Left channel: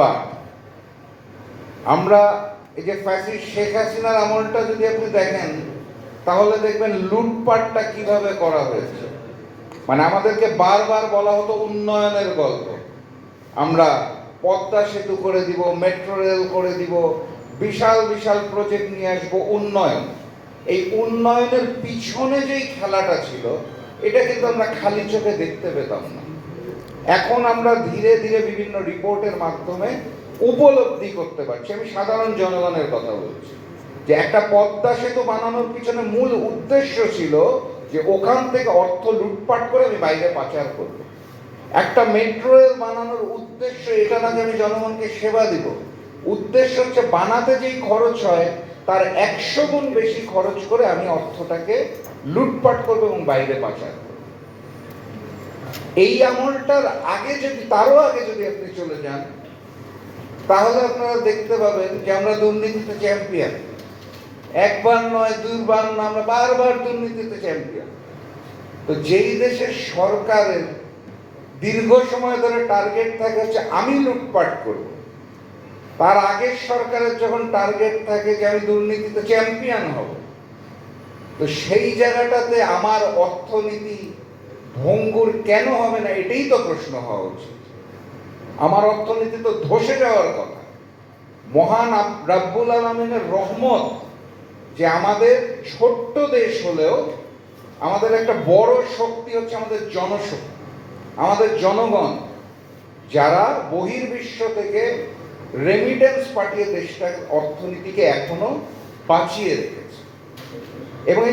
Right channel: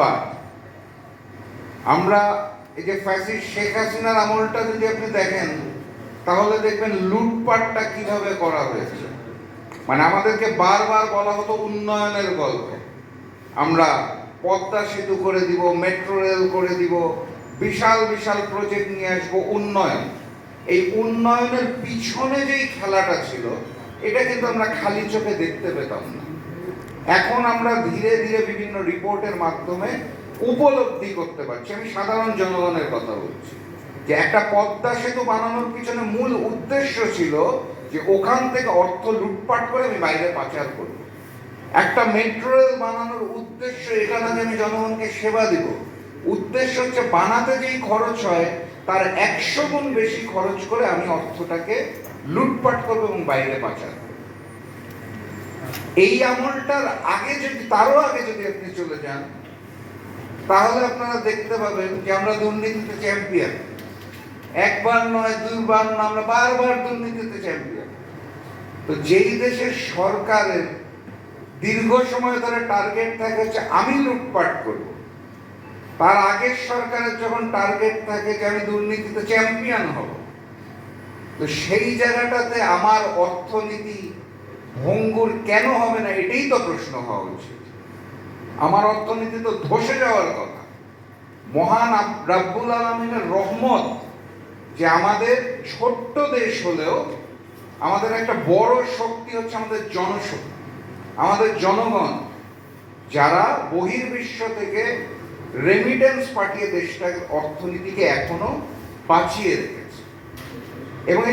লুটপাট। আমরা এই যে ফ্যাসিস্ট শেখ হাসিনার আমলটা যদি আপনি দেখেন তাহলে দেখবেন লুটপাটটা কিভাবে করা হয়েছে। মানে আমাদেরকে বারবার বলা হতো উন্নয়নের গল্প, আমরা পদ্মা সেতু করে দিব, মেট্রো রেল করে দিব, বিশাল বিশাল প্রজেক্ট নিয়ে আসবো, উন্নয়ন। এই উন্নয়নের পিছনে যেই খেলাটা ছিল এটা কিন্তু আমরা খালি চোখে দেখতে পেতাম না। এখন আমরা ধীরে ধীরে বিভিন্ন রিপোর্টের মাধ্যমে উপলব্ধি করতে পারছি। আমি সাধারণ জনগণের কথা বলছি যে একটা পদ্মা সেতু বানানোর পিছনে মূল উদ্দেশ্য ছিল যে ওখান থেকে অর্থ লুটপাট করে আমি বাইরে পাচার করব। একটা মেট্রো রেল বানানোর উদ্দেশ্য এটা না যে আমি জনগণকে সেবা দিব, উদ্দেশ্য হচ্ছে বানাতে যেই খরচ হয় তার 100 গুণ বেশি খরচ করে আমি অর্থটাকে লুটপাট করবো এবং বাইরে পাচার করবো। এই আমলটার আগে যদি, তারও আগে যদি আপনি চলে যান তাহলে আপনারা দেখতে পাবেন যে আমরা দুর্নীতিতে চ্যাম্পিয়ন। একবার নয়, দুইবার নয়, আমরা বারবার দুর্নীতিতে চ্যাম্পিয়ন। তো যেই দেশের সরকারের দীর্ঘ সময় ধরে টার্গেট থাকে হচ্ছে আমি লুটপাট করব, তার আগের সরকারের যখন টার্গেট থাকে যে আমি দুর্নীতিতে চ্যাম্পিয়ন হব, তো সেই জায়গাটাতে আমার অর্থনীতি ভঙ্গুর কেন হবে না, এটাই তো প্রশ্ন হওয়া উচিত। আমার অর্থনীতি তো ধসে যাওয়ার কথা। মহান রাব্বুল আলামিনের রহমত যে আমাদের ছোট্ট দেশ হলেও আমাদের একটা বড় শক্তি হচ্ছে আমাদের জনশক্তি, আমাদের জনগণ, যারা বহির্বিশ্ব থেকে রেমিটেন্স পাঠিয়ে দেশটার অর্থনীতিকে এখনো বাঁচিয়ে রেখেছে। এবং